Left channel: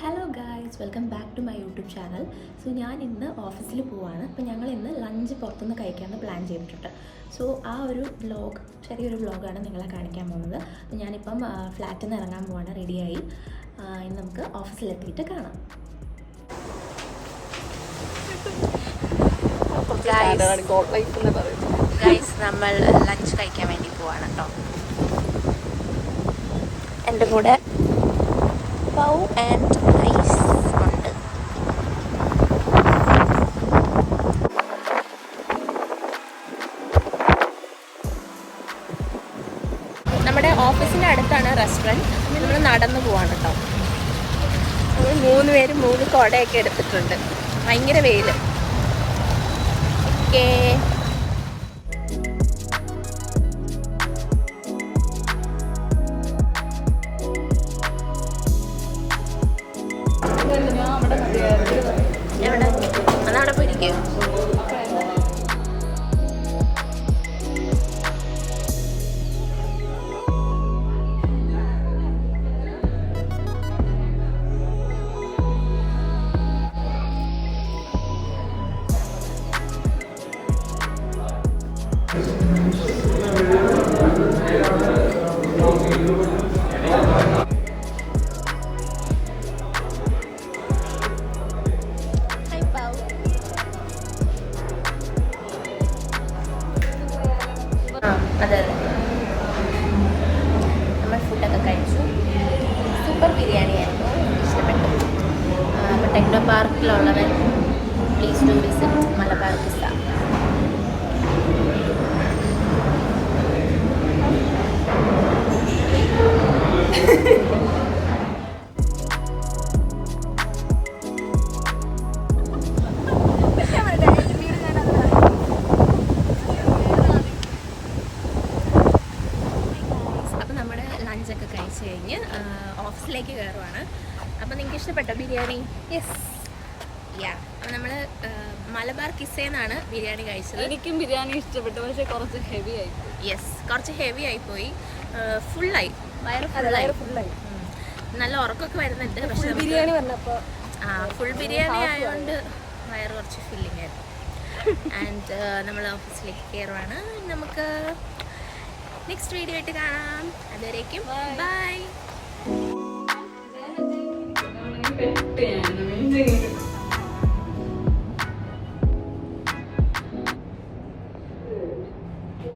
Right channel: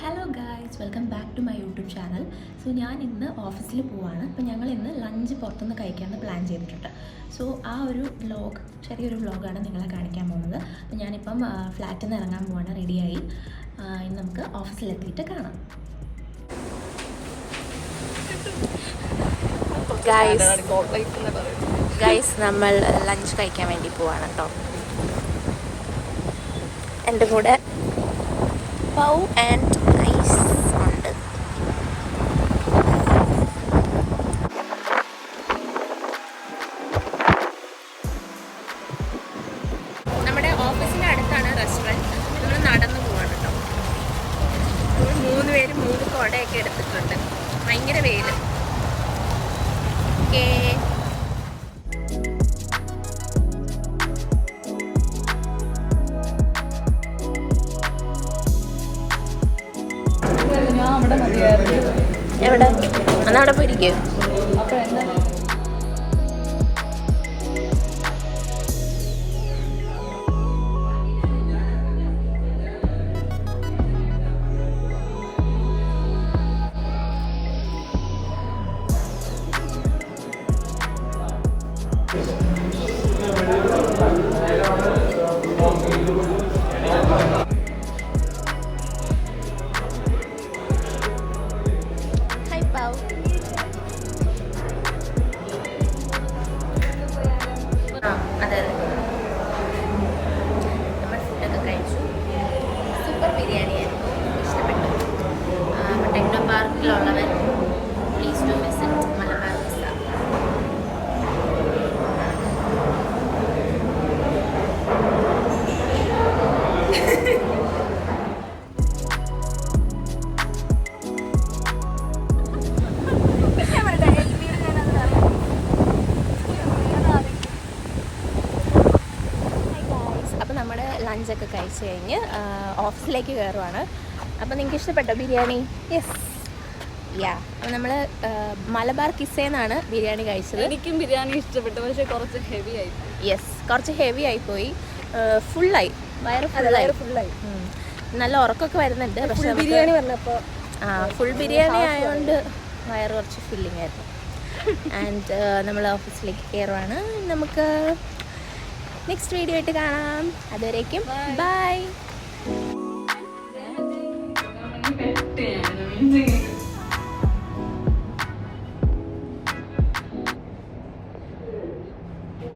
Hello guys, welcome back to my YouTube channel. So ഞാൻ ഇന്ന് ഓഫീസിൽ പോവാണ്. അപ്പോൾ ഞങ്ങൾ ഇന്ന് ലഞ്ച് പുറത്തുനിന്ന് കഴിക്കാമെന്ന് പ്ലാൻ ചെയ്തിട്ടുണ്ട്. സോ ആ ഒരു വ്ലോഗ്, ചെറിയൊരു വ്ലോഗാണ് നിങ്ങളെ കാണിക്കാൻ പോകുന്നത്. അപ്പോൾ ഞാനിപ്പം ഫ്ലാറ്റിൽ നിന്ന് ഇറങ്ങാൻ പോവാണ്, റെഡിയായി. ഇന്ന് നമുക്ക് ഓഫീസിലെത്തിയിട്ട് കാണാം. ഗൈസ്, നമ്മൾ ലഞ്ച് കഴിക്കാൻ വേണ്ടി പോവാണ് കേട്ടോ. എൻ്റെ കൂടെ പൗ ആൻഡ് ഐസ് ഉണ്ട്. നമ്മുടെ ഓഫീസിൻ്റെ അടുത്താണ് റെസ്റ്റോറൻറ്റ്. നമ്മൾ നടന്നു പോവാണ് കേട്ടോ. നമ്മൾ 3 പേര് 3 കുടയൊക്കെ എടുത്തിട്ടുണ്ട്. ഭയങ്കര വെയിൽ. ഓക്കേ, എവിടെ അന്നവിടെ പോയിരിക്കും. അതെ, നമ്മൾ ഫുഡൊക്കെ കഴിച്ചു. സൂപ്പർ ബിരിയാണിയായിരുന്നു, ഇഷ്ടപ്പെട്ടു. അപ്പോൾ ടെക്നോ പാർക്കിലുള്ളത് please do visit Malabar pizza. ലഞ്ചൊക്കെ കഴിച്ച് കഴിഞ്ഞ് ഓഫീസിലേക്ക് കയറുവാണ്. അപ്പോൾ നിങ്ങൾക്ക് ഇഷ്ടപ്പെട്ടോ ബിരിയാണി? യെസ്, യാ. അപ്പോൾ നമ്മൾ മലബാർ കിസ്സേന്നാണ് ബിരിയാണി കഴിച്ചത്. എനിക്കും ബിരിയാണി ഇഷ്ടപ്പെട്ടു, പക്ഷേ കുറച്ച് ഹെവി ആയി. യെസ്, കുറച്ച് ഹെവി ആയിപ്പോയി. ഫുള്ളായി, വയറ് ഫുള്ളായി. നല്ല ഉറക്കമൊക്കെ വരുന്നുണ്ട്. പക്ഷേ ബിരിയാണി വന്നപ്പോൾ ഫുൾ ബിരിയാണി ആയതുകൊണ്ട് വയറ് കുറച്ച് ഫില്ലിംഗ് ആയിരുന്നു. ആൻഡ് നമ്മൾ ഓഫീസിലേക്ക് കയറുവാണ്. നമുക്ക് നെക്സ്റ്റ് വീഡിയോ ആയിട്ട് കാണാം. അതുവരേക്കും ബൈ.